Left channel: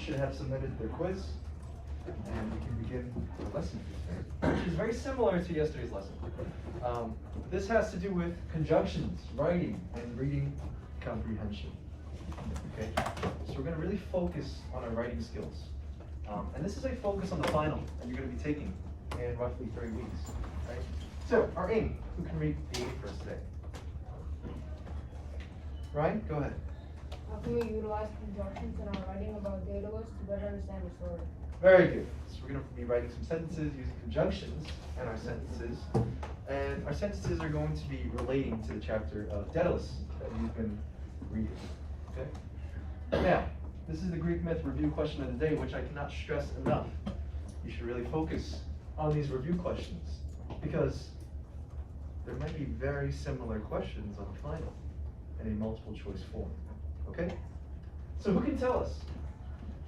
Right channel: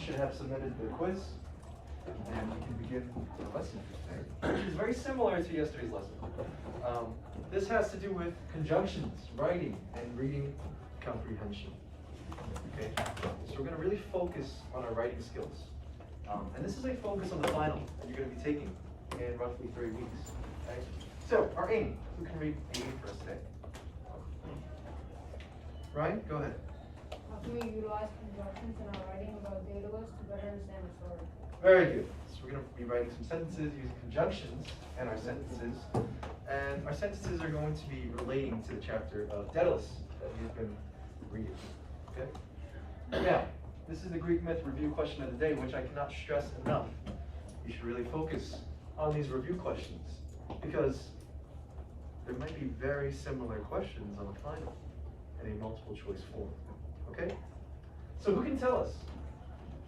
should have submitted their quiz, and we can begin the lesson for today, which is very similar to yesterday's lesson. This has to do with conjunctions, writing, and reading comprehension. Okay, so we're going to really focus on our writing skills. And this is a focus on the final that you're going to be taking in roughly 3 weeks. Right? So, our aim, who can read A first today? Ryan, go ahead. How can we utilize conjunctions in our writing about data lists to better understand the story? Very good. So we're going to be writing some sentences using conjunctions and our sentences. And our sentences are going to be relating to the chapter of Daedalus that we've been reading. Okay? Now, this is the Greek myth review question of the day, which I cannot stress enough. You should really focus on these review questions because there might be very similar questions on the final in a multiple choice form. Okay? So who can tell us?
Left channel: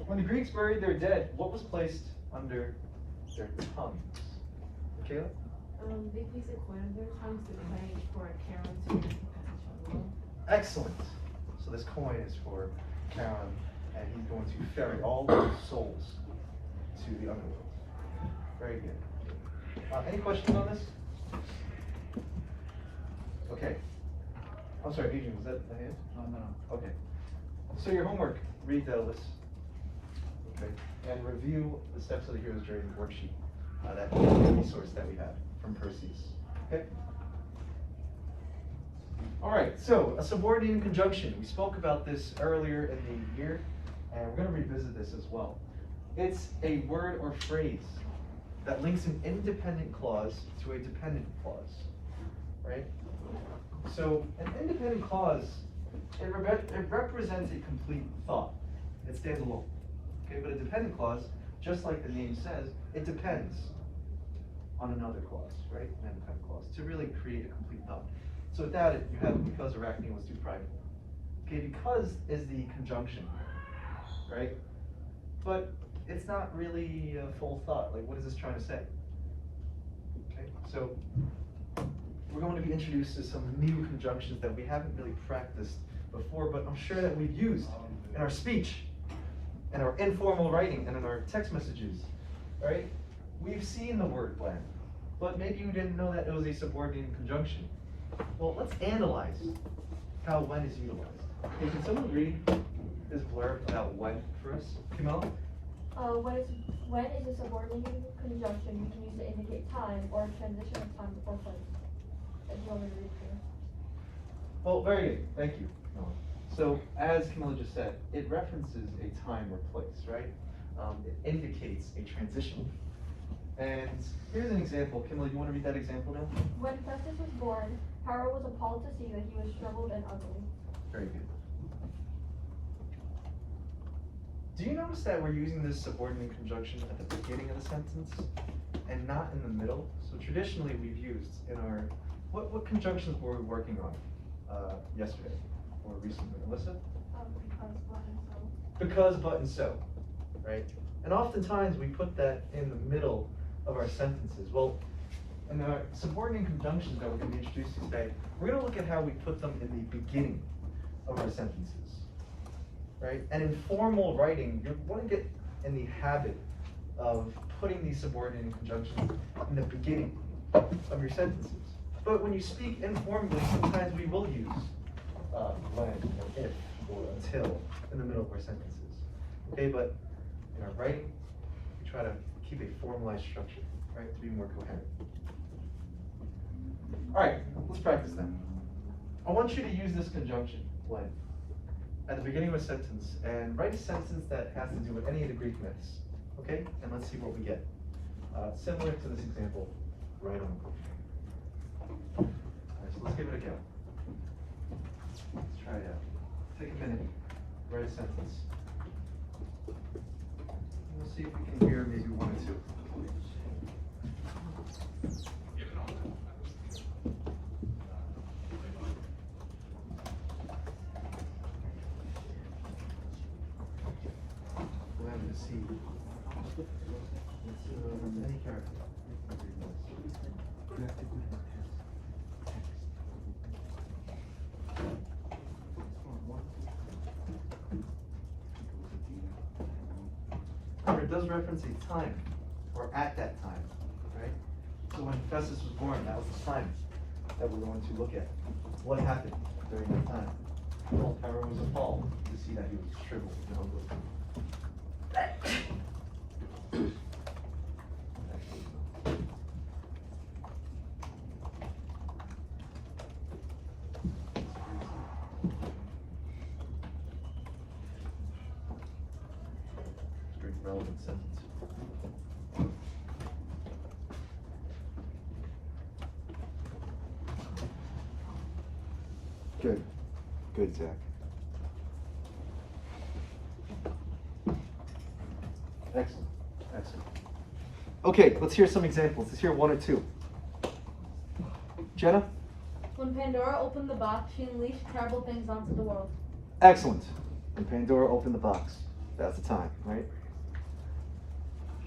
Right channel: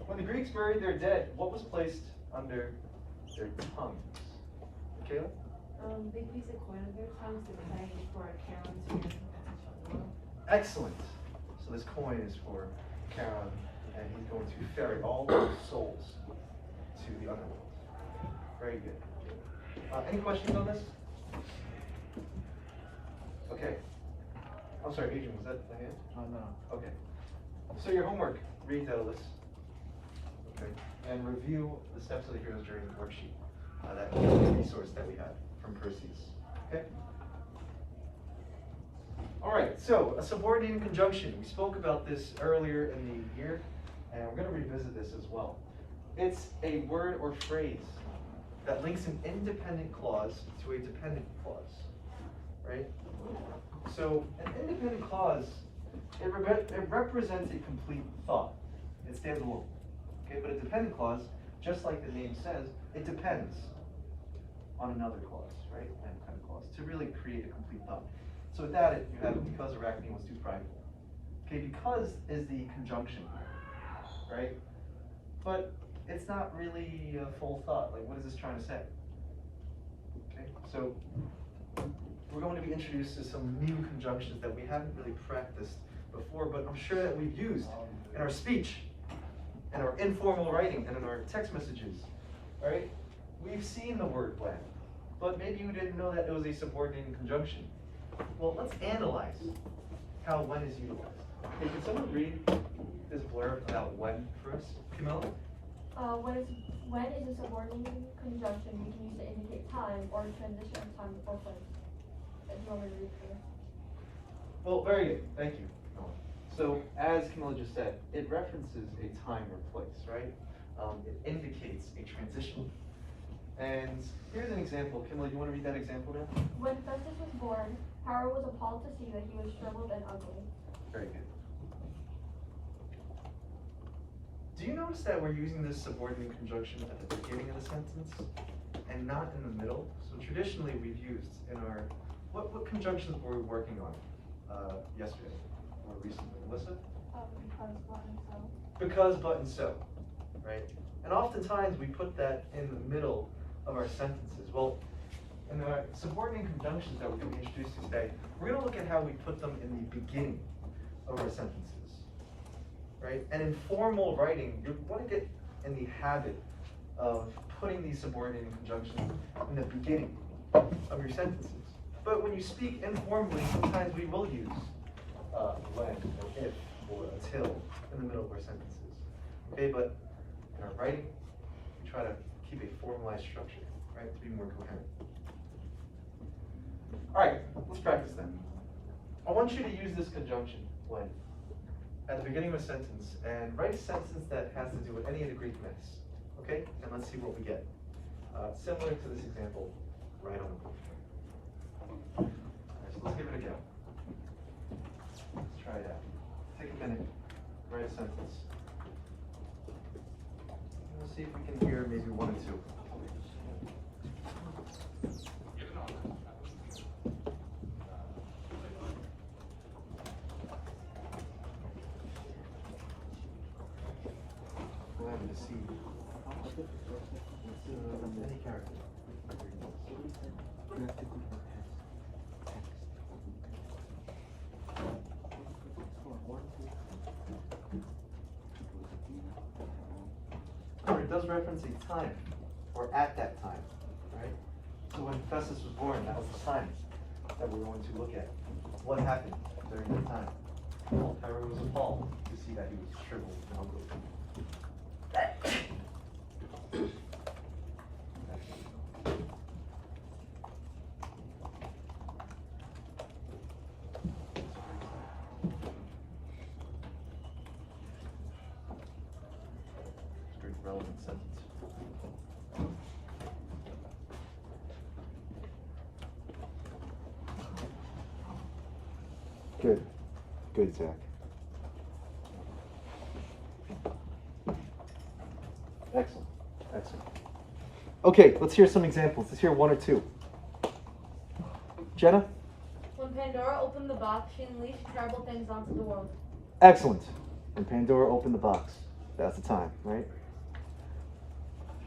When the Greeks buried their dead, what was placed under their tongues? Michaela? They placed a coin under their tongues to play for Charon to get potential. Excellent. So this coin is for Charon, and he's going to ferry all those souls to the underworld. Very good. Any questions on this? Okay. I'm sorry, Adrian, was that the hand? No. Okay. So your homework, read Daedalus. Okay. And review the steps of the hero's journey worksheet. That resource that we had from Perseus. Okay? All right, so a subordinating conjunction. We spoke about this earlier in the year, and we're going to revisit this as well. It's a word or phrase that links an independent clause to a dependent clause, right? So an independent clause, it represents a complete thought. It stands alone. Okay, but a dependent clause, just like the name says, it depends on another clause, right? An independent clause to really create a complete thought. So with that, you have because Arachne was too prideful. Okay, because is the conjunction, right? But it's not really a full thought. Like, what is this trying to say? Okay, so we're going to be introduced to some new conjunctions that we haven't really practiced before, but I'm sure that we've used in our speech, in our informal writing, and in our text messages, right? We've seen the word when, but maybe you didn't know that it was a subordinating conjunction. Well, let's analyze how when is utilized. Okay, can someone read this blurb about when for us? Camilla? When is a subordinating conjunction you can use to indicate time or transition of time or place. Do you want me to read for you? Well, very good. Thank you, Camilla. So, as Camilla just said, it references a time or place, right? It indicates a transition. And here's an example. Camilla, you want to read that example now? When Festus was born, Hera was appalled to see that he was shriveled and ugly. Very good. Do you notice that we're using this subordinate conjunction at the beginning of the sentence and not in the middle? So traditionally we've used in our, what conjunctions were we working on yesterday or recently? Alyssa? Because, but, and so, right? And oftentimes we put that in the middle of our sentences. Well, in our subordinate conjunctions that we're going to be introduced to today, we're going to look at how we put them in the beginning of our sentences. Right? And in formal writing, you want to get in the habit of putting these subordinating conjunctions in the beginning of your sentences. But when you speak informally, sometimes we will use when, or if, or until in the middle of our sentences. Okay, but in our writing, we try to keep a formalized structure, right, to be more coherent. All right, let's practice then. I want you to use this conjunction, when, at the beginning of a sentence, and write a sentence that has to do with any of the Greek myths. Okay? And let's see what we get. Similar to this example, right on the board. Alright, so let's give it a go. Let's try it out. Take a minute, write a sentence. We'll see if we can hear maybe one or two. Any character. it does reference a time, or at that time, right? So when Festus was born, that was the time that we're going to look at. What happened during that time? Well, Pharaoh was appalled to see that he was shriveled and ugly. Straight relevant sentence. Good. Good, Zach. Excellent. Excellent. Okay, let's hear some examples. Let's hear one or two. Jenna? When Pandora opened the box, she unleashed terrible things onto the world. Excellent. When Pandora opened the box, that's the time, right?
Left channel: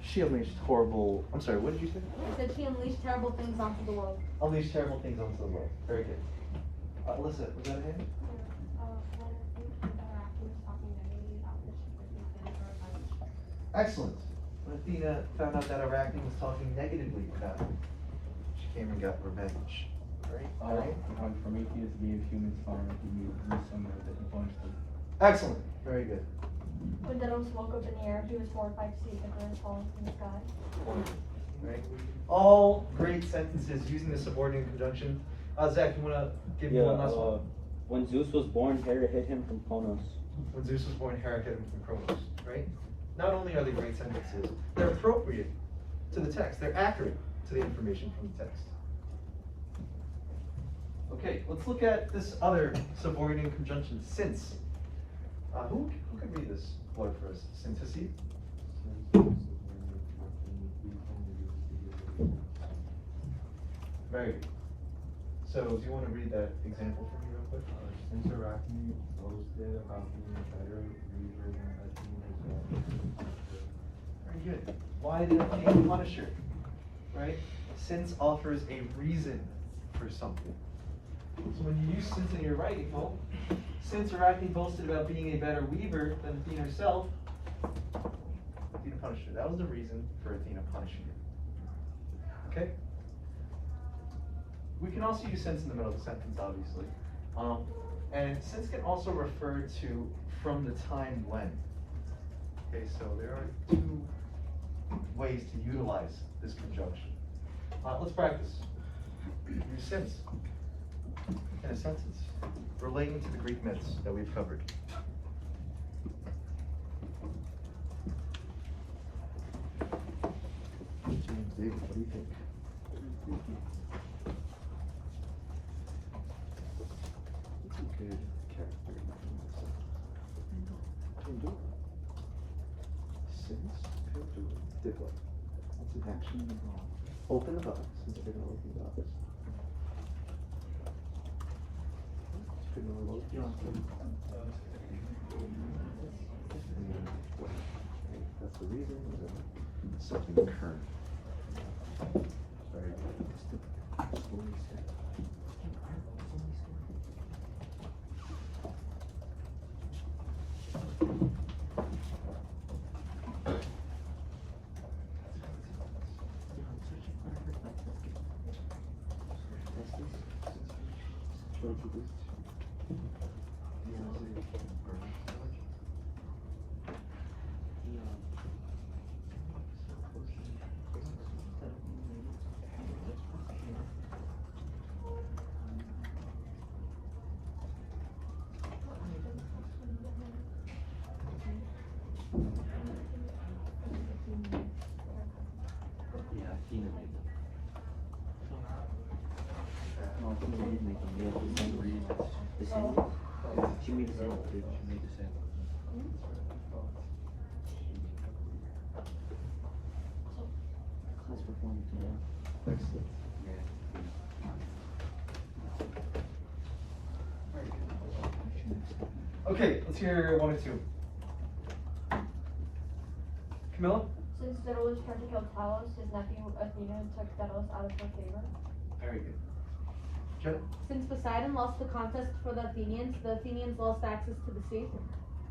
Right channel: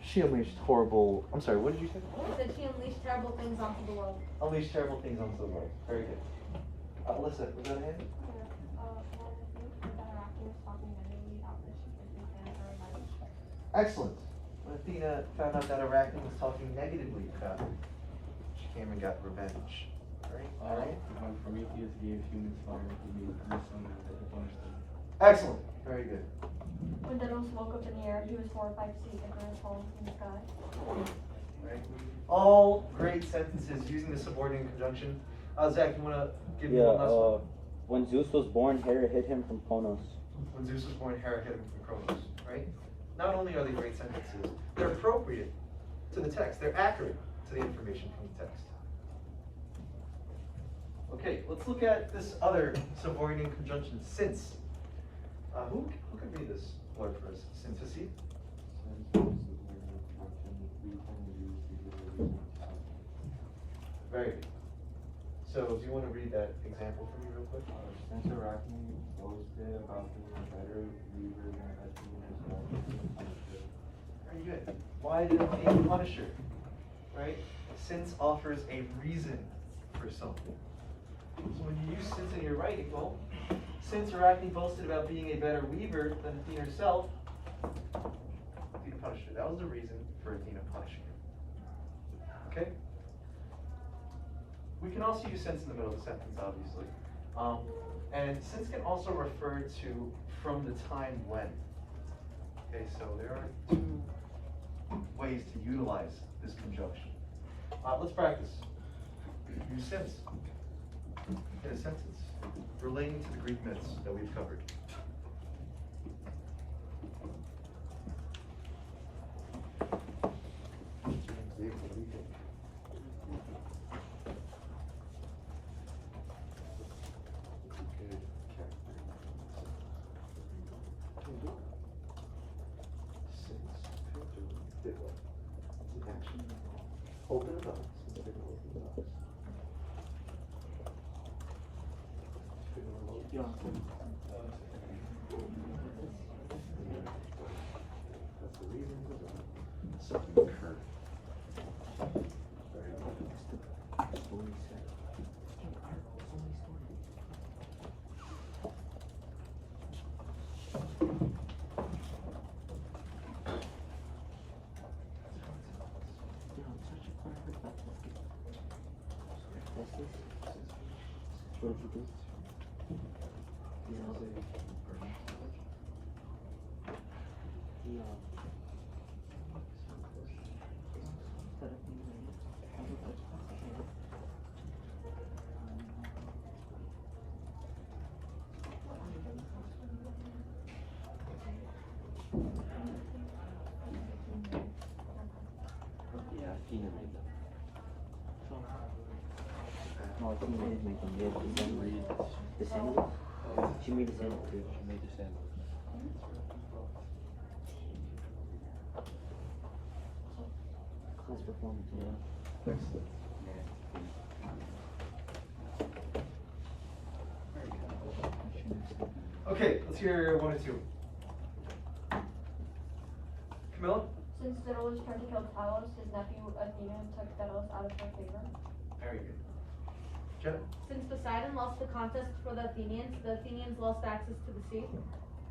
She unleashed horrible. I'm sorry, what did you say? She said she unleashed terrible things onto the world. Unleashed terrible things onto the world. Very good. Alyssa, was that a hand? Excellent. When Athena found out that Arachne was talking negatively about her, she came and got revenge. Right? All right. When Prometheus gave humans fire, he knew somehow that he punished them. Excellent. Very good. When Daedalus woke up in the air, he was 4 or 5 feet thicker and falling from the sky. Right? All great sentences using the subordinate conjunction. Zach, you want to give me one last one? When Zeus was born, Hera hid him from Kronos. When Zeus was born, Hera hid him from Kronos. Right? Not only are they great sentences, they're appropriate to the text. They're accurate to the information from the text. Okay, let's look at this other subordinate conjunction, since. Who can read this word for us? Synthesis? Very good. So, do you want to read that example for me real quick? Since Arachne boasted about being a better reader than Athena herself. Very good. Why did Athena punish her? Right? Since offers a reason for something. So when you use since in your writing, well, since Arachne boasted about being a better weaver than Athena herself, Athena punished her. That was the reason for Athena punishing her. Okay? We can also use since in the middle of the sentence, obviously. And since can also refer to from the time when. Okay, so there are two ways to utilize this conjunction. Let's practice. Use since in a sentence relating to the Greek myths that we've covered. Open the box. Open the box. That's the reason. Something different. Very good. She made the same. She made the same. Class performance, yeah. Excellent. Okay, let's hear one or two. Camilla? Since Daedalus tried to kill Talos, his nephew Athena took Daedalus out of her favor. Very good. Jenna? Since Poseidon lost the contest for the Athenians lost access to the sea.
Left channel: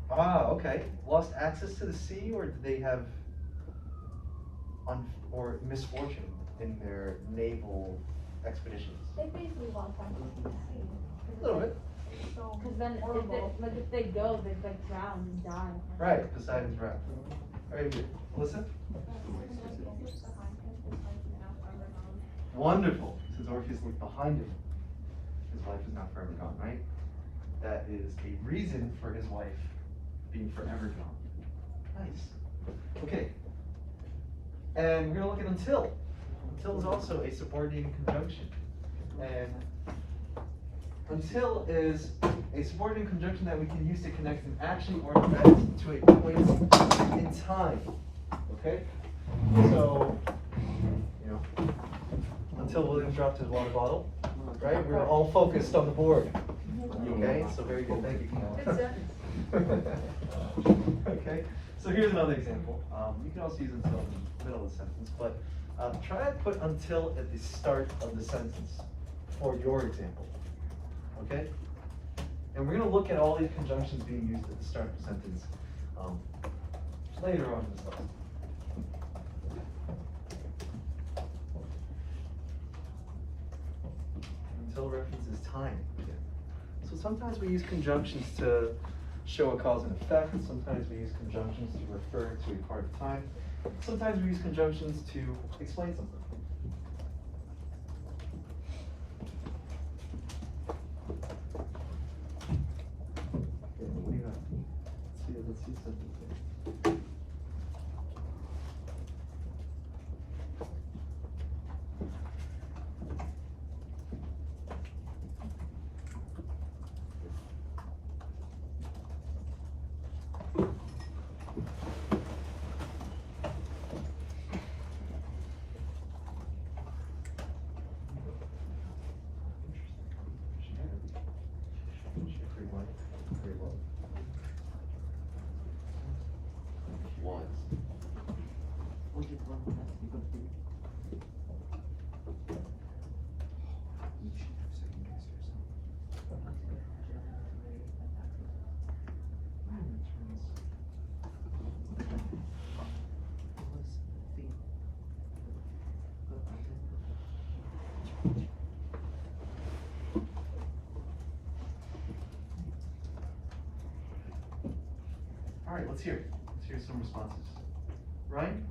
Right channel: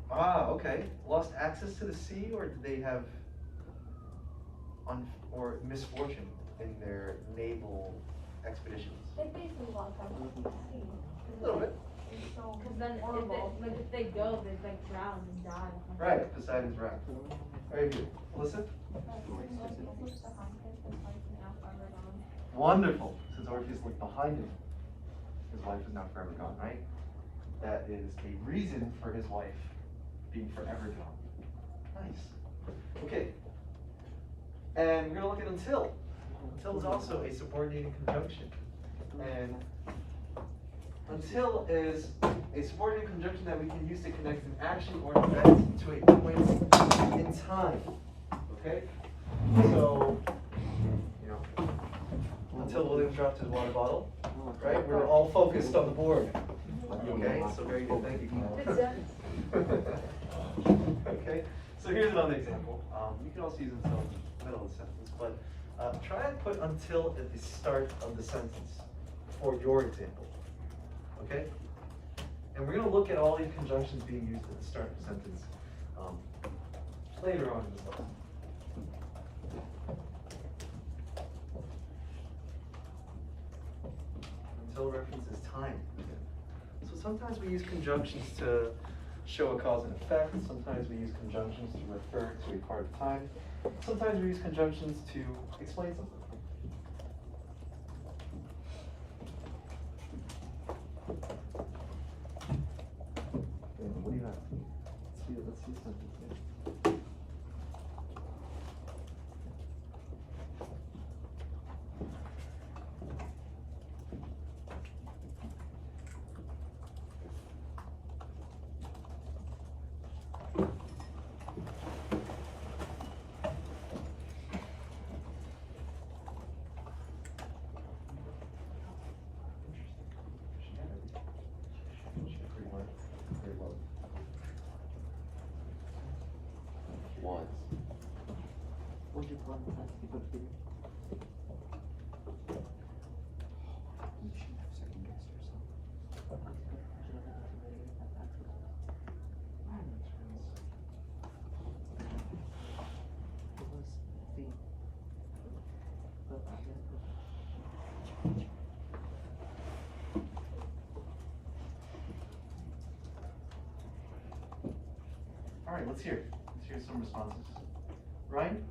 Ah, okay. Lost access to the sea, or did they have or misfortune in their naval expeditions. They face a lot of pressure from the sea. A little bit. So Cause then if horrible. they, like if they go, they'd like drown and die. Right, Poseidon's wrath. Very good. Melissa? Wonderful. Since Orpheus looked behind him, his wife is not forever gone, right? That is a reason for his wife being forever gone. Nice. Okay. And we're gonna look at until. Until is also a subordinating conjunction. And until is a subordinating conjunction that we can use to connect an action or an event to a point in time. Okay? So, you know, until William dropped his water bottle, right? We were all focused on the board. Okay? So very good. Thank you, Kamala. Okay? So here's another example. You can also use until in the middle of the sentence, but try to put until at the start of the sentence for your example. Okay? And we're going to look at all these conjunctions being used at the start of the sentence later on in the lesson. Until references time again. So sometimes we use conjunctions to show a cause and effect. Sometimes we use conjunctions to refer to a part of time. Sometimes we use conjunctions to explain something. What do you have? Let's see something. All right, let's hear it. Let's hear some responses. Ryan?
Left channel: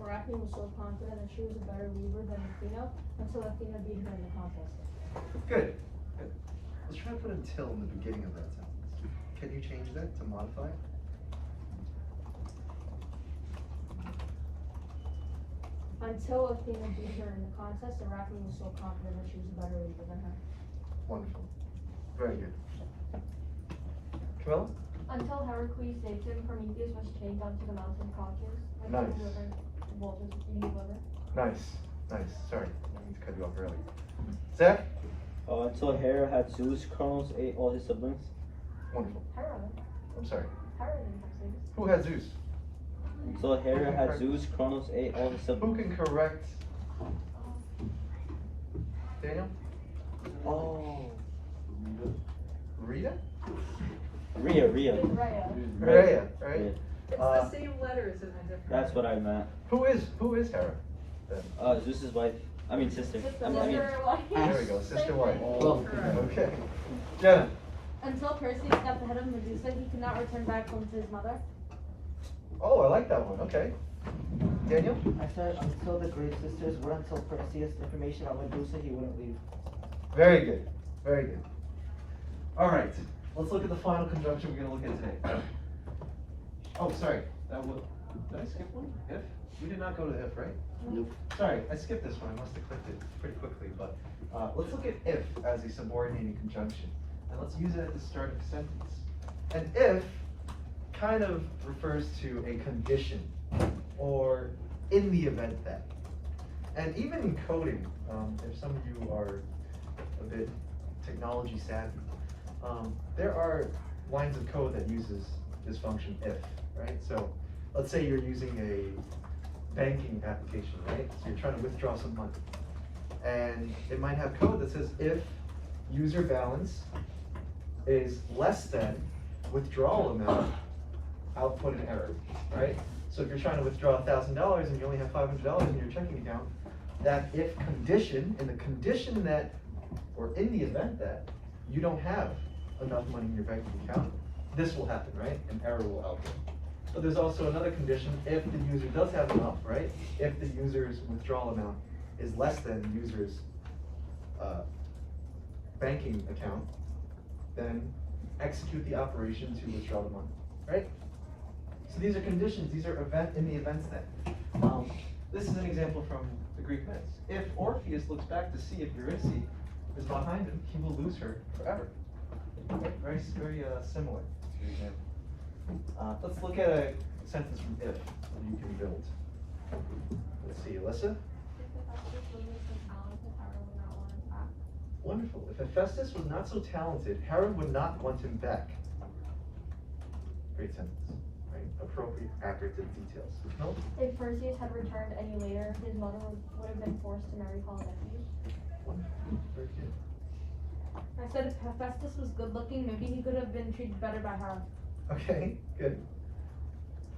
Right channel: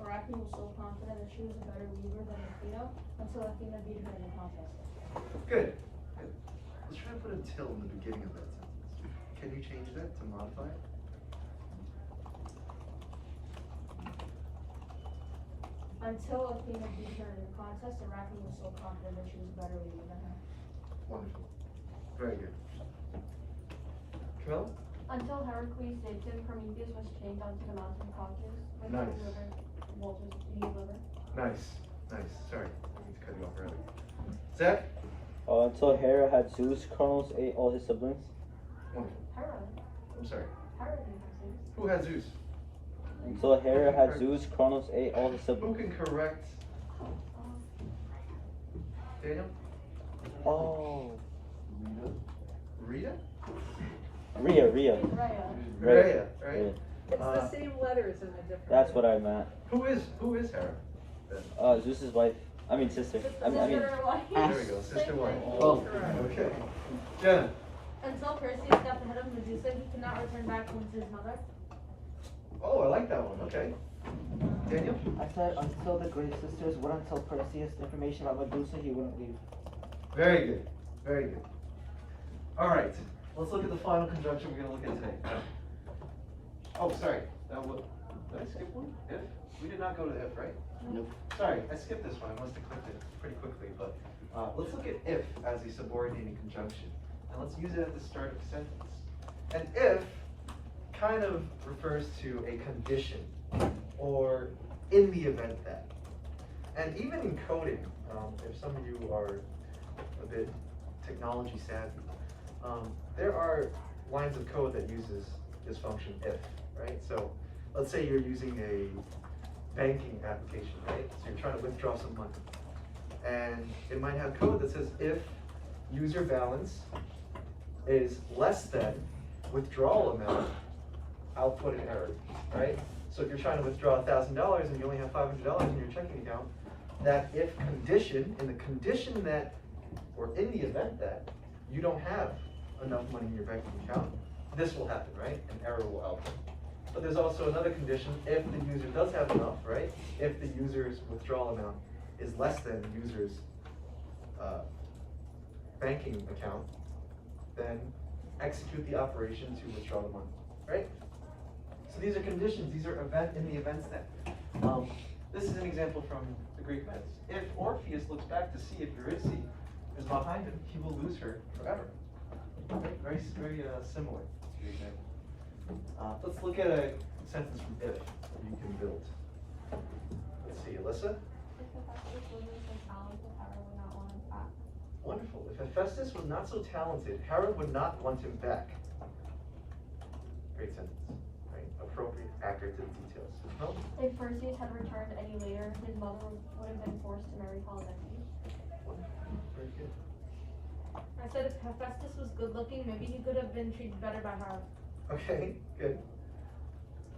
Arachne was so confident that she was a better weaver than Athena until Athena beat her in the contest. Good. Good. Let's try to put until in the beginning of that sentence. Can you change that to modify? Until Athena beat her in the contest, Arachne was so confident that she was a better weaver than her. Wonderful. Very good. Camilla? until Heracles saved him, Prometheus was chained onto the mountain Caucasus with Nice. his liver. Well, with his liver. Nice, nice. Sorry, I need to cut you off early. Zach? Until Hera had Zeus, Kronos ate all his siblings. Wonderful. Hera. I'm sorry. Hera didn't have Zeus. Who had Zeus? Until Hera had Zeus, Kronos ate all his Who siblings. can correct Daniel? Oh. Rita? Rhea. Rhea. Rhea, right? It's Uh, the same letters in a different. That's what I meant. Who is Hera? Then? Zeus's wife. I mean sister. Sister I mean, There we go, sister wife. Oh. Okay. Jenna? Until Perseus got the head of Medusa, he could not return back home to his mother. Oh, I like that one. Okay. Daniel? I said until the great sisters wouldn't tell Perseus the information about Medusa, he wouldn't leave. Very good. Very good. All right. Let's look at the final conjunction we're going to look at today. Oh, sorry. That was, did I skip one? If? We did not go to if, right? Nope. Sorry, I skipped this one. I must have clicked it pretty quickly. But let's look at if as a subordinating conjunction. And let's use it at the start of a sentence. And if kind of refers to a condition or in the event that. And even in coding, if some of you are a bit technology savvy, there are lines of code that uses this function if, right? So let's say you're using a banking application, right? So you're trying to withdraw some money. And it might have code that says if user balance is less than withdrawal amount, output an error, right? So if you're trying to withdraw $1,000 and you only have $500 in your checking account, that if condition, in the condition that, or in the event that you don't have enough money in your banking account, this will happen, right? An error will output. But there's also another condition if the user does have enough, right? If the user's withdrawal amount is less than the user's banking account, then execute the operation to withdraw the money, right? So these are conditions, these are in the events then. This is an example from the Greek myths. If Orpheus looks back to see if Eurydice is behind him, he will lose her forever. Right? Very similar to the example. Let's look at a sentence from if that you can build. Let's see, Alyssa? Wonderful. If Hephaestus was not so talented, Hera would not want him back. Great sentence. Right? Appropriate, accurate to the details. No? If Perseus had returned any later, his mother would have been forced to marry Polydectes. Wonderful. Very good. I said if Hephaestus was good looking, maybe he could have been treated better by her. Okay, good.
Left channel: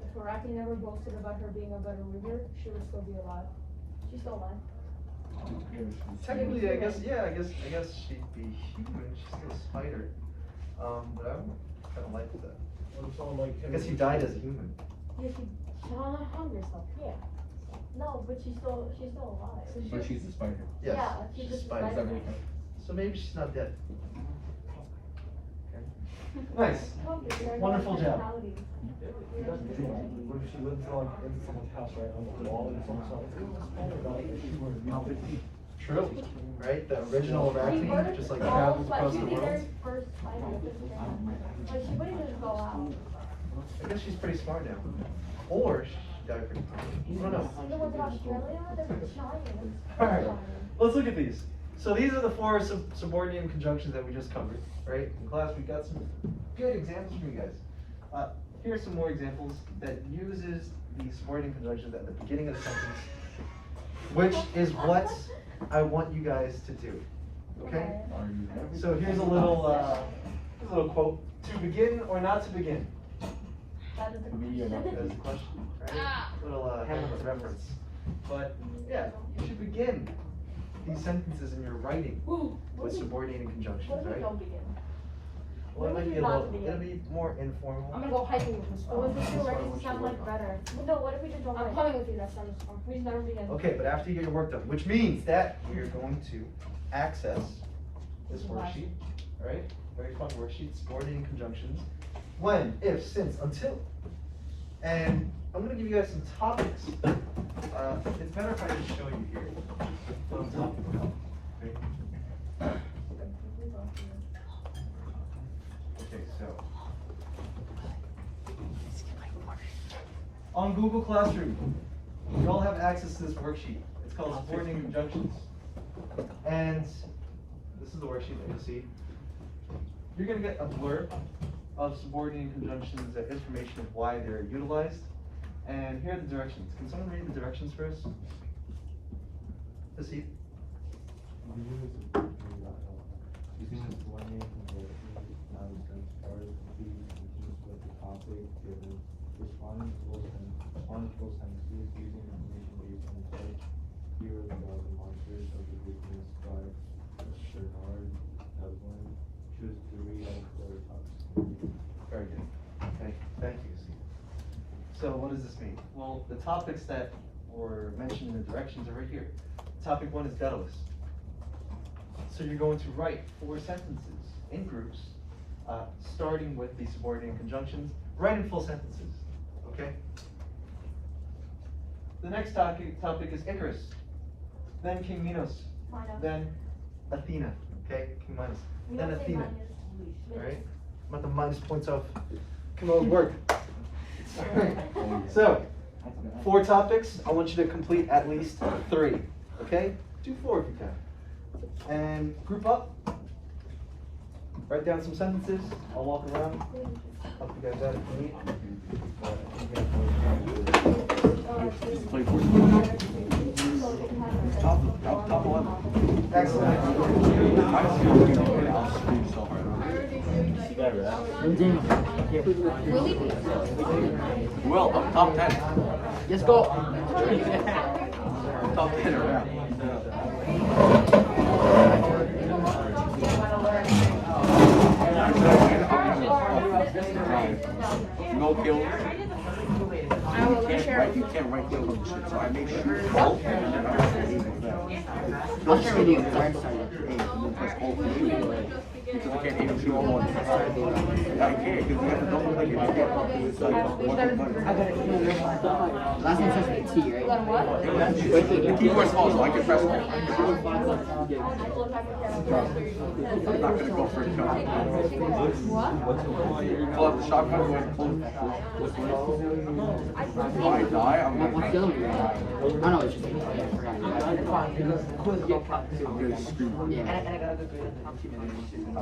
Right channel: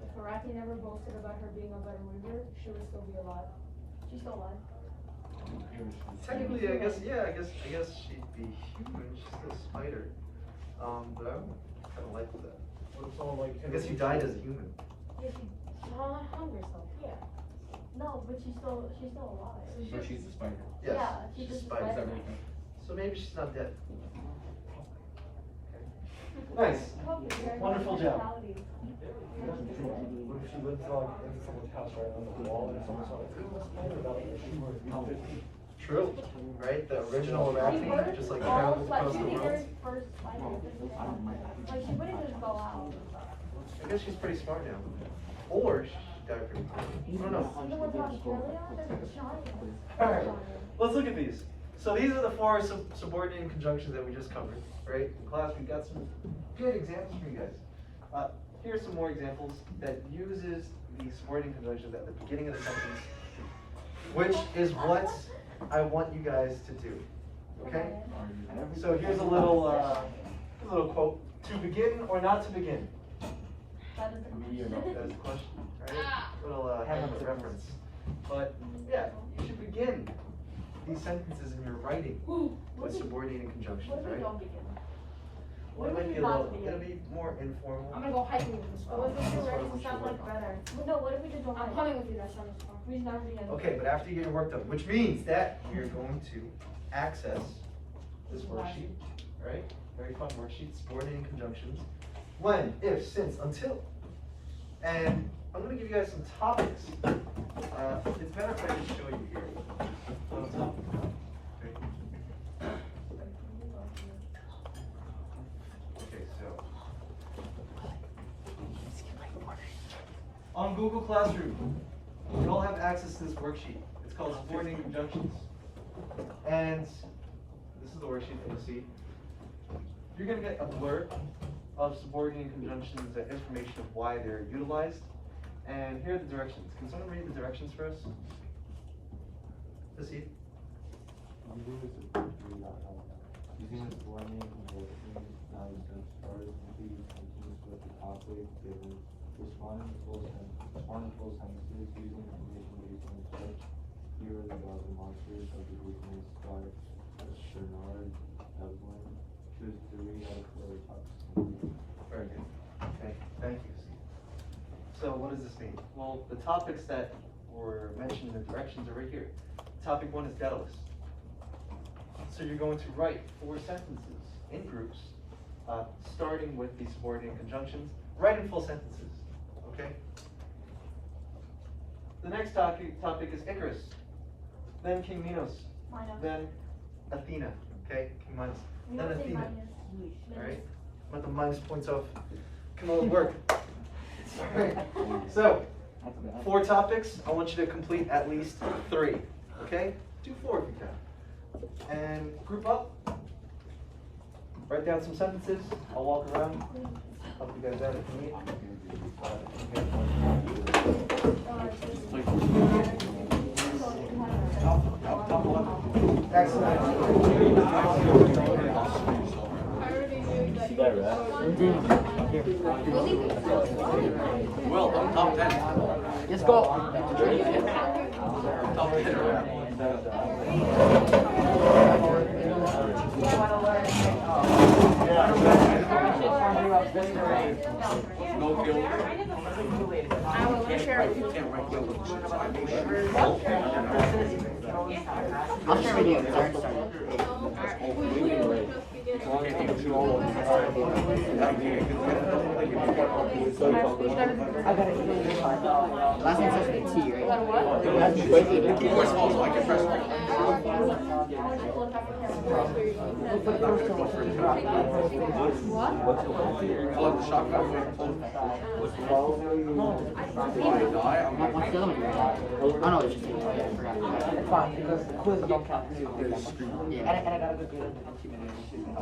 If Arachne never boasted about her being a better ruler, she would still be alive. She's still alive. Technically, I guess she'd be human. She's still a spider. But I kind of like that. What if someone like I guess he died as a human. Yeah, she hung herself, yeah. No, but she's still alive. So But she's a spider. Yes, Yeah, she's she's a just a spider. spider. So maybe she's not dead. Okay. Nice. Wonderful job. What if she lives like in someone's house right on the wall and someone's like, it was a spider about it, she were True, right? The original Arachne, just like travels across the She'd be world. their first spider. But she wouldn't just go out. I guess she's pretty smart now. Or she died pretty quickly. I don't know. The ones in Australia, they're giant. Alright, let's look at these. So these are the four subordinate conjunctions that we just covered, right? In class, we got some good examples for you guys. Here are some more examples that uses the subordinate conjunctions at the beginning of the sentence, which is what I want you guys to do, okay? So here's a little quote. To begin or not to begin? That is the That is the question, right? Little Hamlet reference. But yeah, you should begin these sentences in your writing with subordinating conjunctions, What if we right? don't begin? Well, it What might if be we a not little, begin? it'll be more informal. I'm gonna go hiking with this. Oh, is this That's what I already want you to sound work like on. better. But no, what if we just don't I'm like? coming with you, that sounds fun. We just never begin. Okay, but after you get your work done, which means that we're going to access this worksheet, right? Very fun worksheet, subordinating conjunctions. When, if, since, until. And I'm gonna give you guys some topics. It's better if I just show you here what I'm talking about. Okay? Okay, so. On Google Classroom, you all have access to this worksheet. It's called Subordinating Conjunctions. And this is the worksheet that you'll see. You're going to get a blurb of subordinating conjunctions, information of why they're utilized. And here are the directions. Can someone read the directions for us? Proceed. Using this warning, responding to sentences using information based on search. Here are the monsters of the Greek myth Stark, Bernard, Evelyn. Choose 3 out of the topics. Very good. Okay, thank you. So what does this mean? Well, the topics that were mentioned in the directions are right here. Topic 1 is Daedalus. So you're going to write 4 sentences in groups, starting with the subordinating conjunctions. Write in full sentences, okay? The next topic is Icarus, then King Minos, Minos. then Athena, okay? King Minos, We then don't say Athena. minus. All right, I'm at the minus points off. Come on, work. So, 4 topics. I want you to complete at least 3. Okay? Do 4 if you can. And group up. Write down some sentences. I'll walk around. Help you guys out if you need. Excellent. See that, right? Here. Willie B. Will, I'm top 10. Let's go. Top 10. No kills. I'm gonna share it with you. Can't write yellow shit, so I make sure. I'll share with you because I already started. I started the last name starts with a T, right? Got a what? You press also, I can press all. What? Plug the shot. What's the other one you're on? Oh no, it's just, oh yeah, I forgot. Yeah.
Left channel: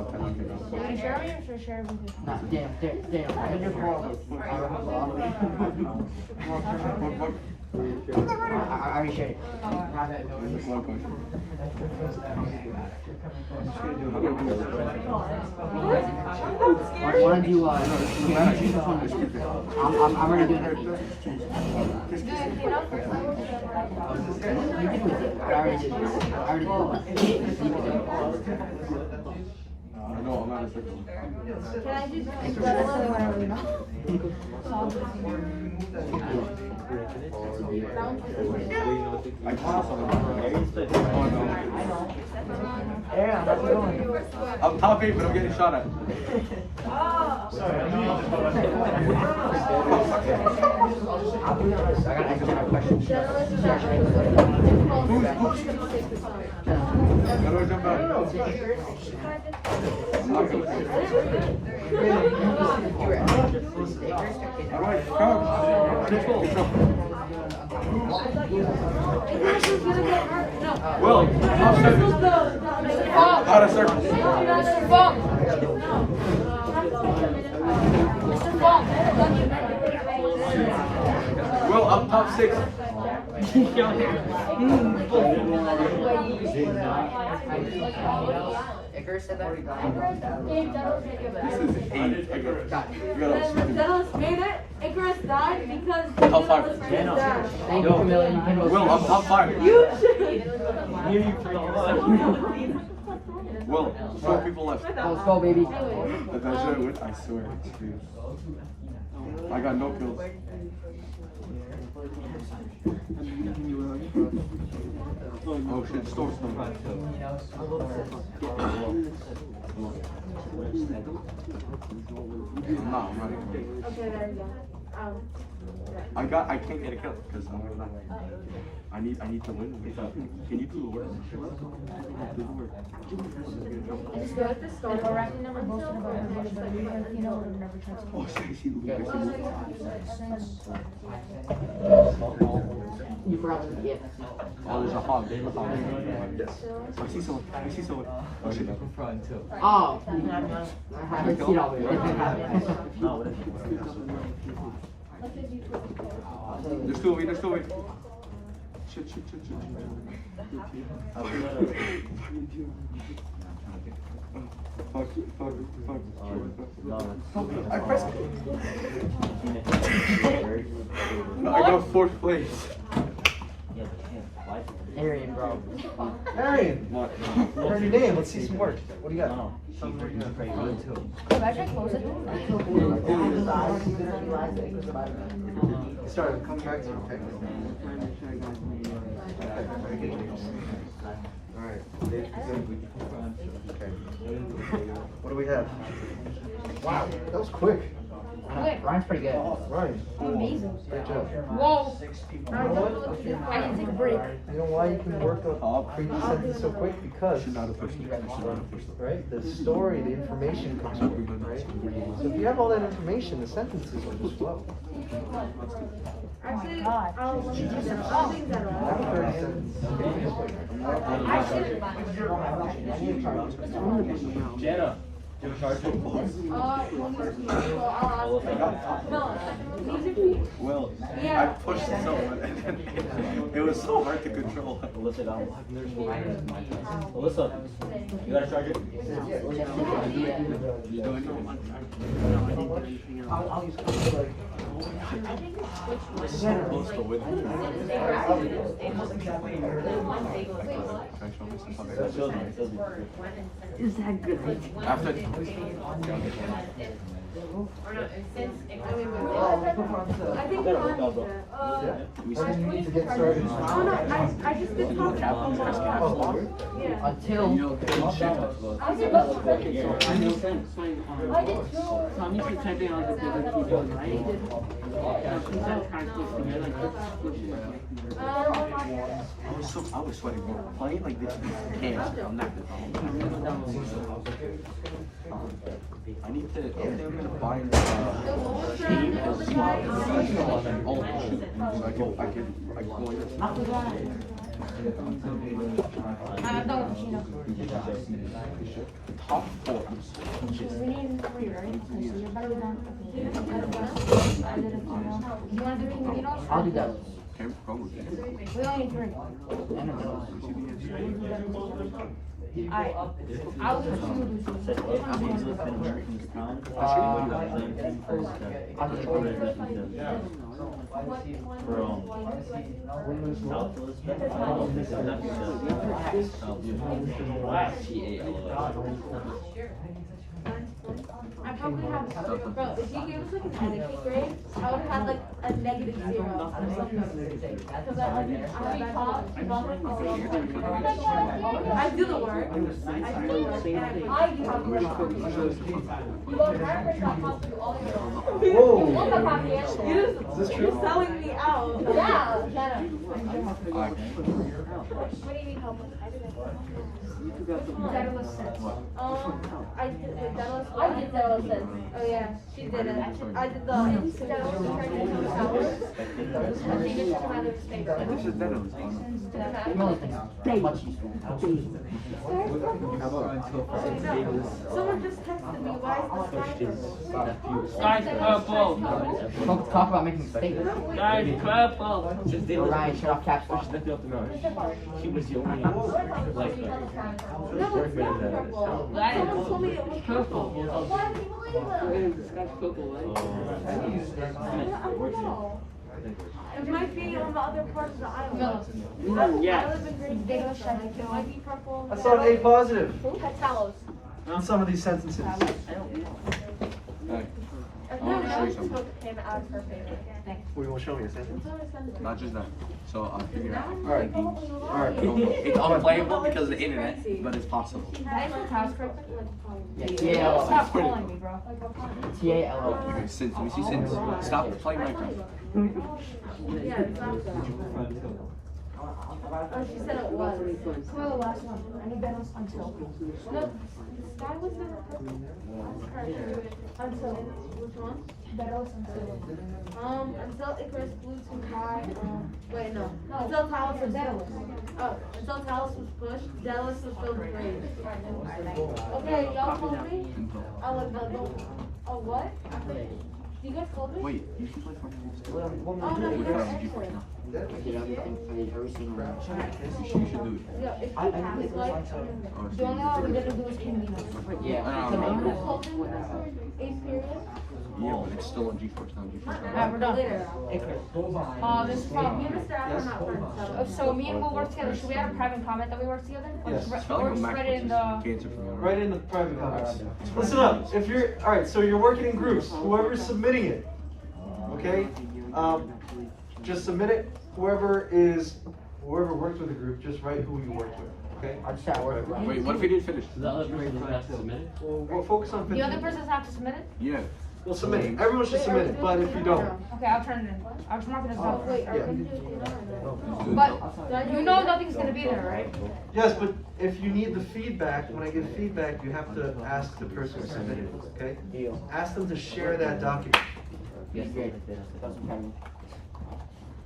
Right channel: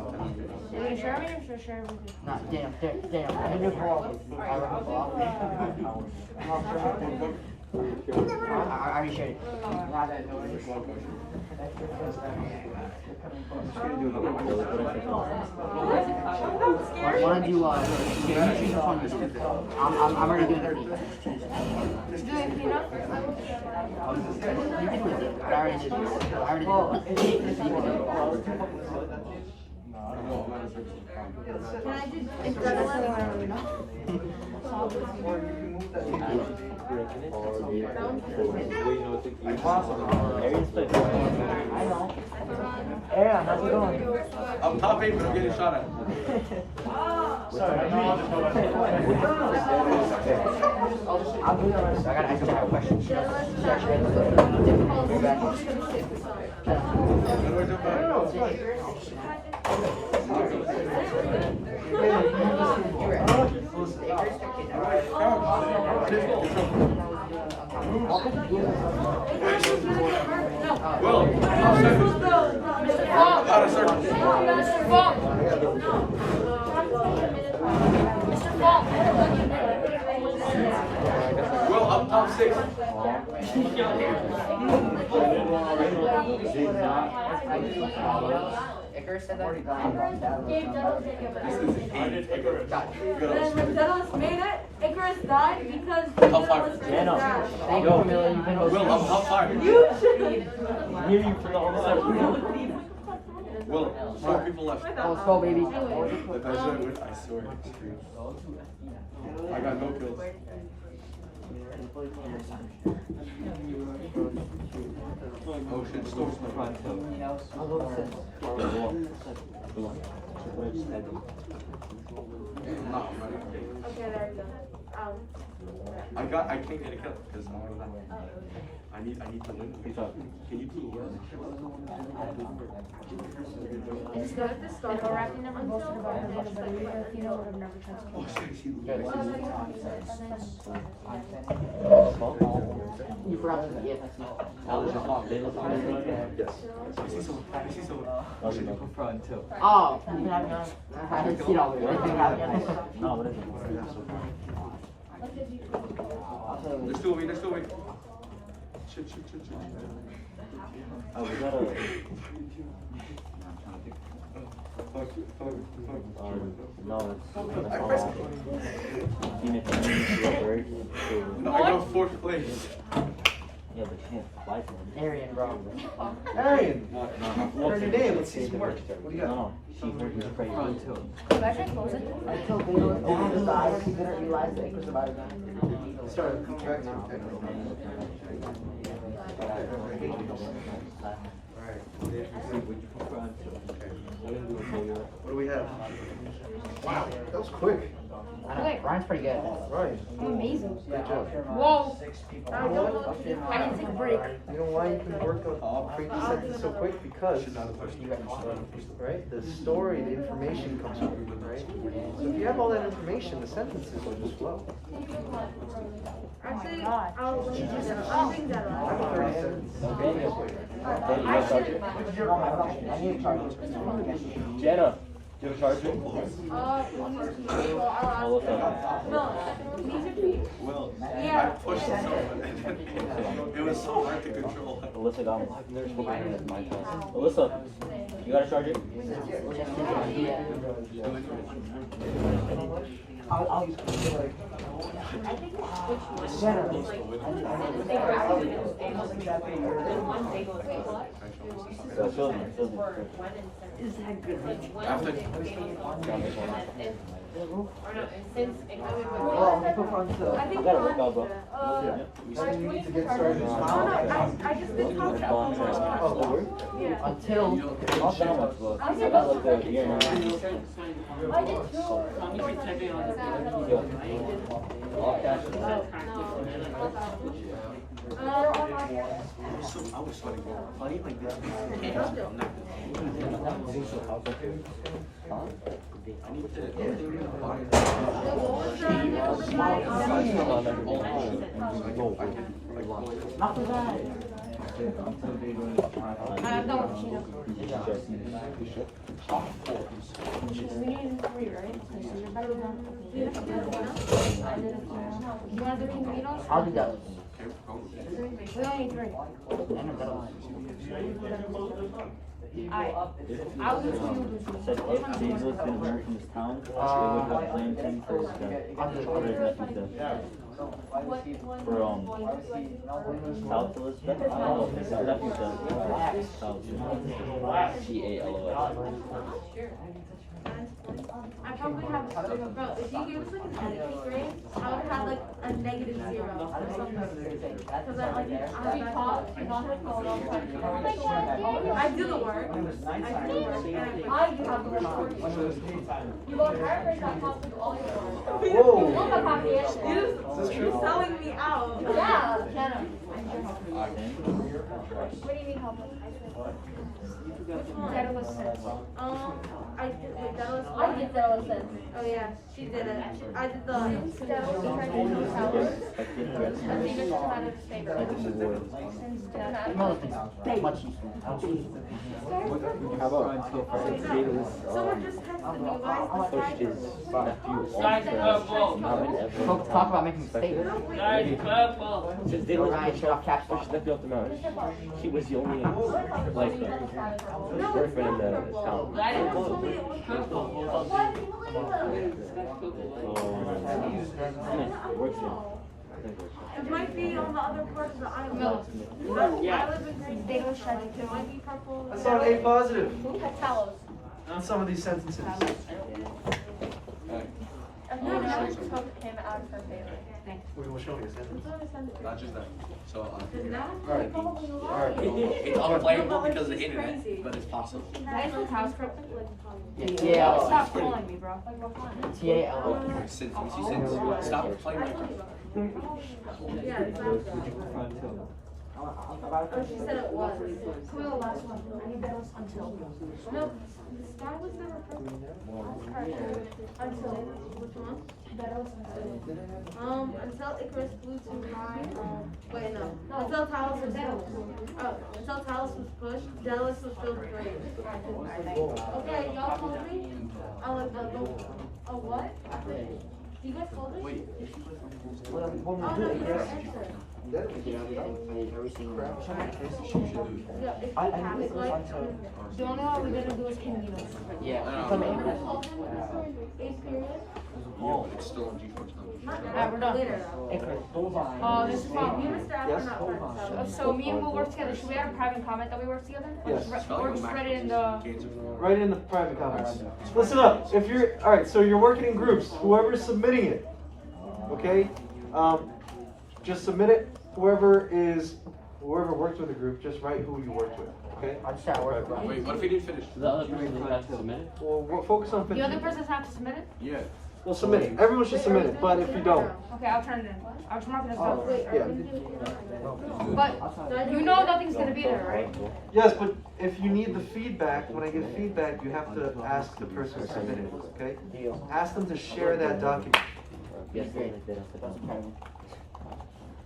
Are you gonna share me or should I share it with you? No, damn, I had your call. I already shared it. Wanna do here, let me choose this one. I'm already doing the beat. Doing cleanup? You can do it, but I already did. I already did one. You can do it. Can I just, that's the only one I really know. I'm top 8, but I'm getting shot at. I gotta ask Jenna a question. Will, out of circle. Mr. Fong. Mr. Fong. Will, I'm top 6. Icarus said that? When Dennis made it, Icarus died because he didn't listen to his dad. Thank you, Camilla. You can go. Will, I'm top 5. You should. Will, 4 people left. Let's go, baby. I swear. I got no kills. Oh shit, stop. Okay, there you go. I can't get a kill because I need to win. Can you do the work? It's good. If Iraqi never boasted about having a better leader, Athena would have never tried to kill You forgot to yeah. Oh, there's a hog. Yes. I see someone. Oh shit. Oh, I had to see it all. There's still wait. Shit. Oh, I pressed I got 4th place. Arian, bro. Arian! What's your name? Let's see some work. What do you got? Should I try to close it? Sorry, come back to you. Alright. What do we have? Wow, that was quick. I know, Ryan's pretty good. Right. I'm amazing. Great job. Whoa. I don't know what to do. I need to take a break. You know why you can work up create the sentence so quick? Because right, the story, the information comes quick, right? So if you have all that information, the sentences will just flow. Actually, God. I'll think that I have 30 seconds. Okay, just wait. I should. Jenna. Well, I'll ask him. No, these are cheap. Well, Yeah. I pushed it so much. It was so hard to control. Alyssa, Alyssa, you got a charger? I'll use like. After I think we're on it. You need to get started. Oh no, I just did talk about one. Yeah. Until. I said, what's the I did I was sweating. Why like this? I'm not I need to buy I'm done with the keynote. We need 3, right? Okay, so you're better than. Okay. I did a keynote. You want to do keynotes? I'll do that. We only need 3. Alright. I'll do 2. Which one do you want to do? I'll do I probably have, bro, if you gave us like an etiquette grade, I would have had like a -0 or something. Because I have that. I do the work. I do the work. I do have the work. You go to not do all your work. Whoa. You look like You're selling me out. Yeah, Jenna. I need your help. What do you need help with? Daedalus sense. I did, wait, Daedalus. I did Daedalus sense. Oh yeah, she did it. I did the. Daedalus tried to become sour. I think it's just about his favorite. much useful. Someone just texted me, why is the Skype? Folks talk about making mistakes. No, wait. No, Ryan, turn off caps lock. He was the only No, it's not purple. Someone told me it was purple. Why do you believe him? I don't know. It might be on the other part of the island. No. I live in Greece. They don't shut it. It might be purple. I saw an A positive Talos. in some of these sentences. No, took him out of her favorite. Thanks. We will show you a sentence. not just that. So Alright. it's unplayable because of the internet, but it's possible. Did I spell Talos correctly? Yeah. Stop calling me, bro. T-A-L-O. Since we see since stop playing Minecraft. Yeah, exactly. Oh, she said it was. Come on, the last one. I need balance until. No, the sky was never purple. Until, which one? Balance until. Until Icarus flew too high. Wait, no. Until Talos was Oh, until Talos was pushed, Daedalus was filled with rage. Okay, y'all told me. I like the oh what? You guys told me? Wait, you should play Fortnite. Oh no, you never answered. I did everything, played every single round. You should do it. Yeah, if you have it, like, The only one we didn't do is King Minos. Yeah. eighth period. Yeah, but it's still on GeForce now. Alright, we're done. Later. This is Me fun. and Mr. Afro are not friends. So me and Will work together. Should we add a private comment that we work together? Or Yes. just write it in the. Right in the private comments. Listen up. If you're alright, so you're working in groups. Whoever's submitting it, okay? Just submit it. Whoever works with a group, just write who you worked with. Okay? I just started working. Wait, what if he didn't finish? The other person forgot to submit it? Well, we'll focus on. The other persons have to submit it? Yeah. We'll submit it. Everyone should submit it. But if you don't, Okay, I'll turn it in. I'll just mark it as Oh, done. wait, are we gonna do it or no? But you know nothing's gonna be there, right? yes. But if you need the feedback, when I get feedback, you have to ask the person who submitted it. Okay? Deal. Ask them to share that document. Yes, great.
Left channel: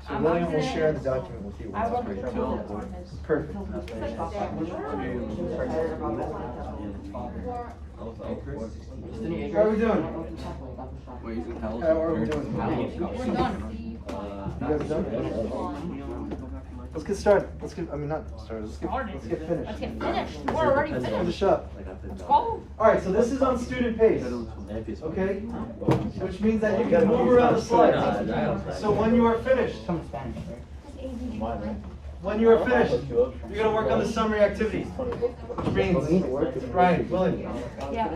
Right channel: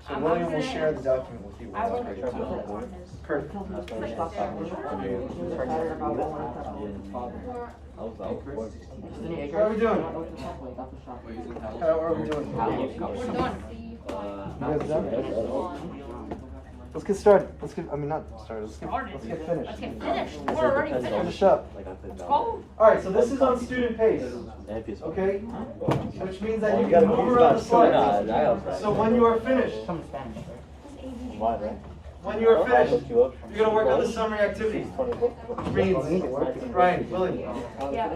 So William will share the document with you. I Which wrote is the great. bullets on his. Perfect. It's like there. How are we doing? How are we doing? We're done. You guys done? Let's get started. Not started. Let's get finished. Let's get finished. We're already Finish finished. up. Let's go. Alright, so this is on student pace. Okay? Which means that you can move around the slides. So when you are finished, when you are finished, you're gonna work on the summary activity. Which means, Ryan, William. Yeah.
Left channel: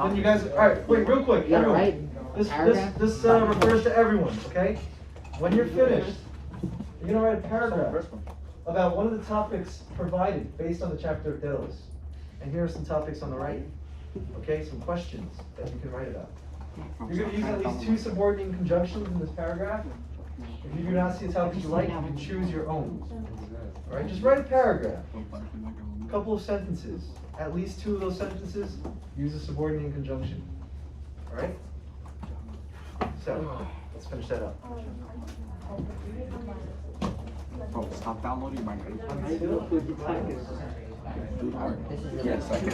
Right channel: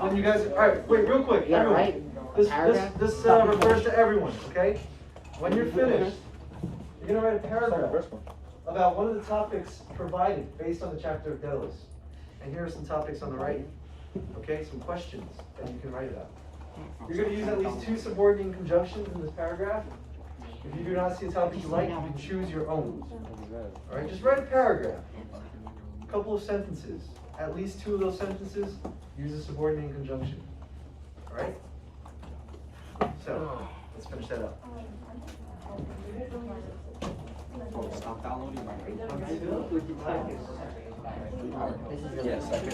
And you guys, alright, wait, real quick, everyone. This refers to everyone, okay? When you're finished, you're gonna write a paragraph about one of the topics provided based on the chapter of Daedalus. And here are some topics on the right. Okay, some questions that you can write about. You're gonna use at least 2 subordinating conjunctions in this paragraph. If you do not see a topic you like, you can choose your own. Alright, just write a paragraph. A couple of sentences. At least 2 of those sentences use a subordinating conjunction. Alright? So, let's finish that up. Oh, stop downloading my Yes, I can.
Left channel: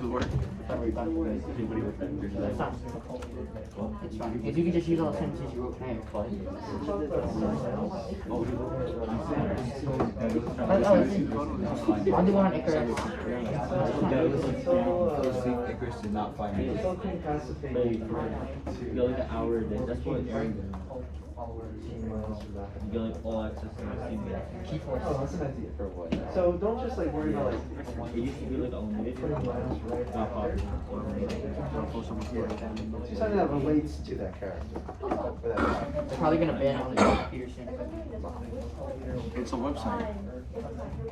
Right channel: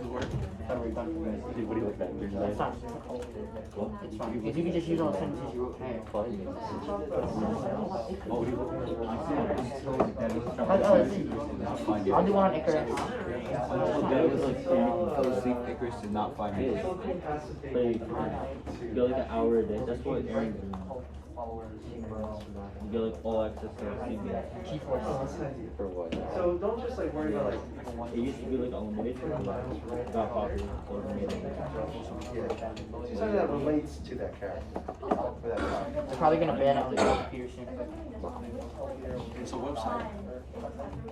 Don't worry about it, guys. It's fine. If you could just use all the sentences you wrote there. I'll do one on Icarus. Icarus did not 5 minutes. That's what it's you get like all access to Key force. Oh, that's an idea. So don't just like worry about like it used to be like unlimited. putting lines right Not out there. popular. Yeah. Do something that relates to that character. Or that topic. They're probably gonna ban it on Peterson. It's a website.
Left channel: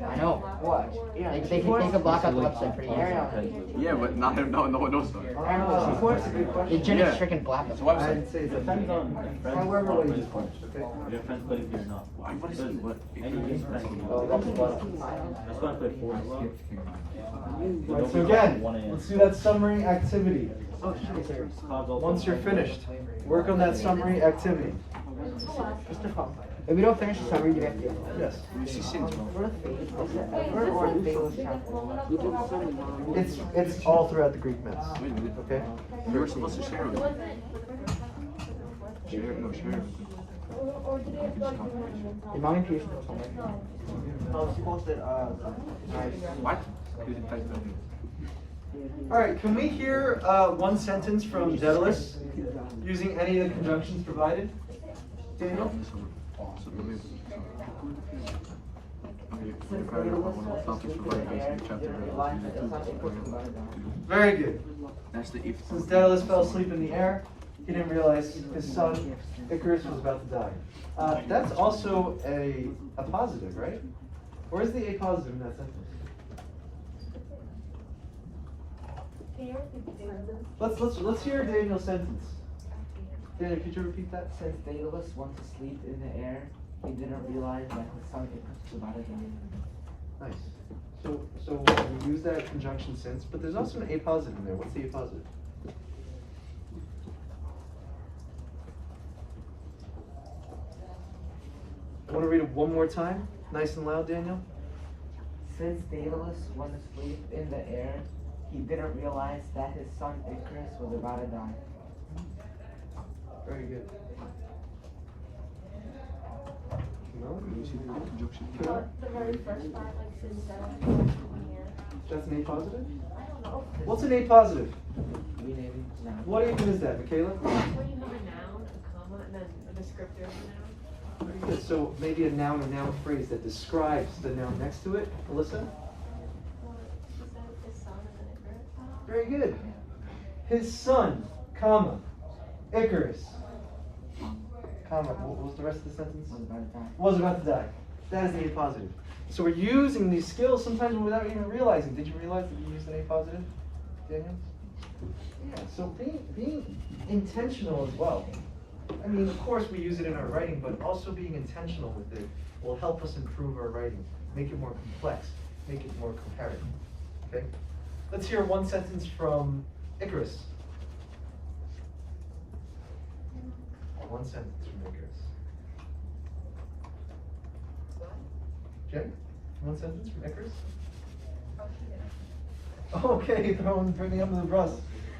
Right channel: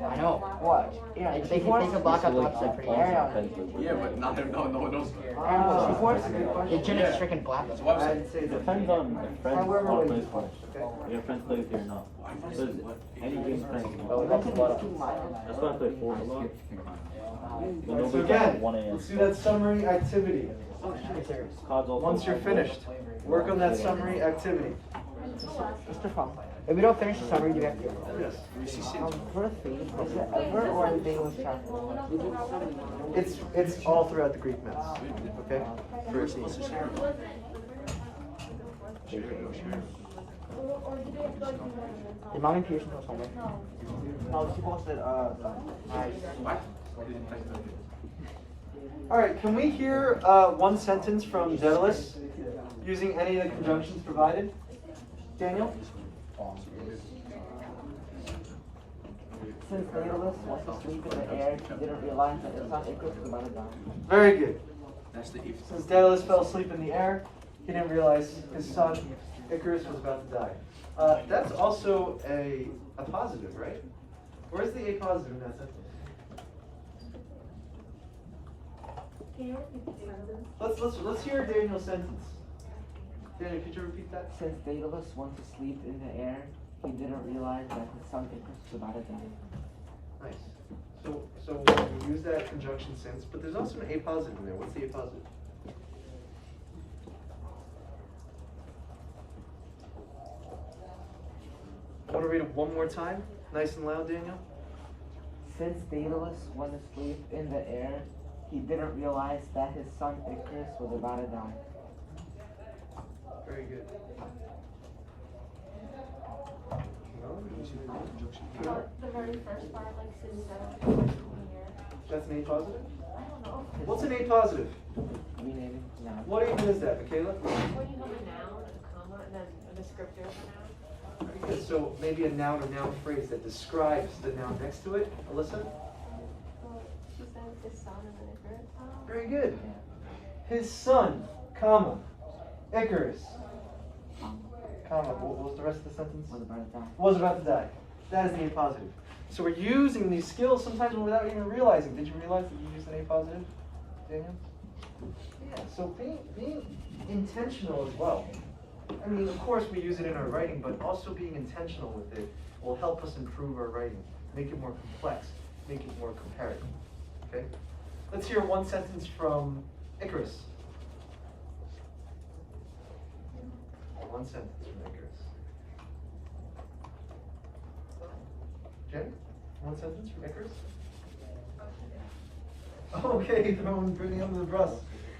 I know. What? They can block out the website pretty easily. Yeah, but no one knows about it. That's a good question. They just freaking block It's it. a website. I'd say it's a Depends on however way you punch, okay? your friends play if you're not. What is it? What? Oh, that's the bottom. That's why I play Fortnite. Alright, so again, let's do that summary activity. Once you're finished, work on that summary activity. If we don't finish the summary, you have to. Yes. Wait, It's all throughout the Greek myths. Okay? We were supposed to share it. Share it, no share it. Did Mom and Pearson go somewhere? What? Alright, can we hear one sentence from Daedalus using any of the conjunctions provided? Daniel? Very good. That's the if. Since Daedalus fell asleep in the air, he didn't realize his son Icarus was about to die. That's also a positive, right? Where's the a positive in that sentence? Let's hear Daniel's sentence. Daniel, could you repeat that? Since Daedalus went to sleep in the air, he didn't realize that his son Icarus was about to die. Nice. So we use that conjunction since, but there's also an a positive in there. What's the a positive? I want to read it one more time, nice and loud, Daniel. Since Daedalus went to sleep in the air, he didn't realize that his son Icarus was about to die. Very good. No? The very first part, like, since then, That's an a positive? I don't know. What's an a positive? Meaning, now. What even is that, Michaela? Well, you have a noun, a comma, and then a descriptive noun. Very good. So maybe a noun or noun phrase that describes the noun next to it. Alyssa? Very good. His son, comma, Icarus, comma, what was the rest of the sentence? Was about to die. Was about to die. That is the a positive. So we're using these skills sometimes without even realizing. Did you realize that you used an a positive, Daniel? Yeah, so being intentional as well. I mean, of course we use it in our writing, but also being intentional with it will help us improve our writing, make it more complex, make it more comparative. Okay? Let's hear one sentence from Icarus. One sentence from Icarus. Okay, one sentence from Icarus. Okay, throwing Brittany under the bus.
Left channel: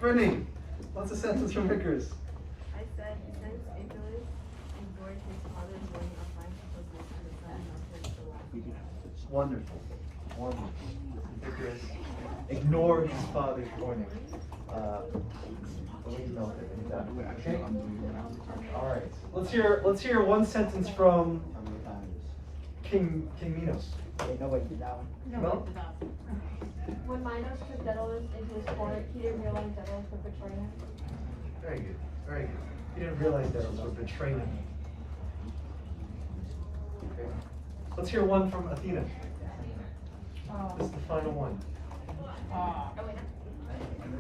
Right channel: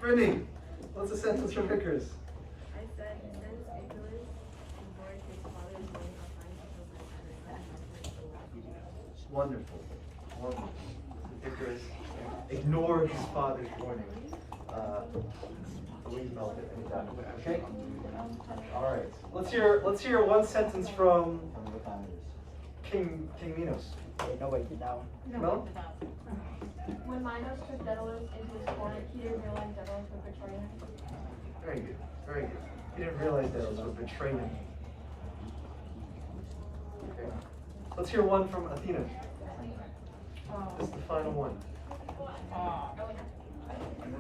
Brittany, what's a sentence from Icarus? I said, since Icarus enjoyed his father's wedding of fine because they had Wonderful. Wonderful. Icarus ignored his father's warning. We can melt it anytime. Okay? Alright. Let's hear one sentence from King Minos. Nobody did that one. No? When Minos took Daedalus into his court, he didn't realize Daedalus would betray him. Very good. Very good. He didn't realize that it would betray him. Okay. Let's hear one from Athena. This is the final one.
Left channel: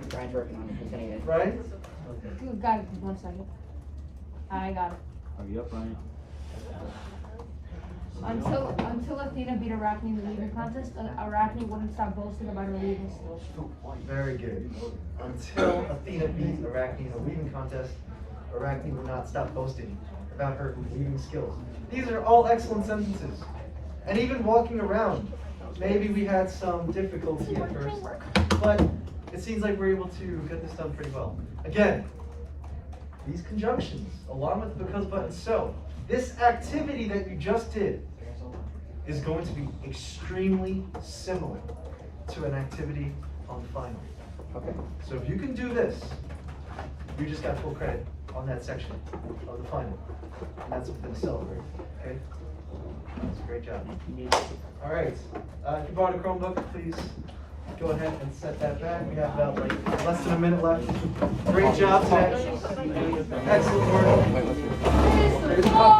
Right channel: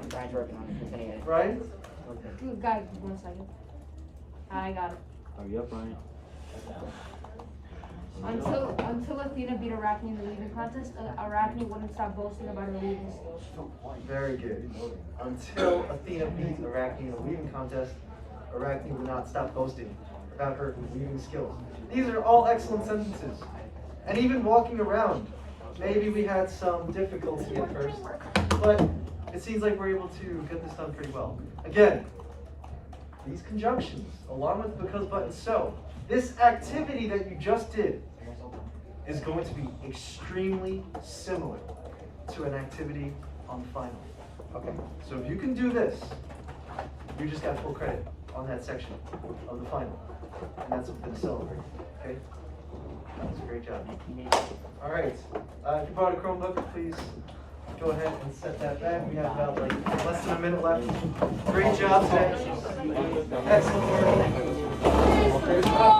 Brian's working on it. He's gonna get it. Right? Guys, 1 second. I got it. Hurry up, Brian. Until Athena beat Arachne in the weaving contest, Arachne wouldn't stop boasting about her weaving skills. Very good. Until Athena beat Arachne in a weaving contest, Arachne would not stop boasting about her weaving skills. These are all excellent sentences. And even walking around, maybe we had some difficulty at first, but it seems like we're able to get this done pretty well. Again, these conjunctions, along with the because, but, and so, this activity that you just did is going to be extremely similar to an activity on the final. Okay, so if you can do this, you just got full credit on that section of the final. And that's something to celebrate, okay? That was a great job. All right, if you brought a Chromebook, please go ahead and set that back. We have about like less than a minute left. Great job today. Excellent work.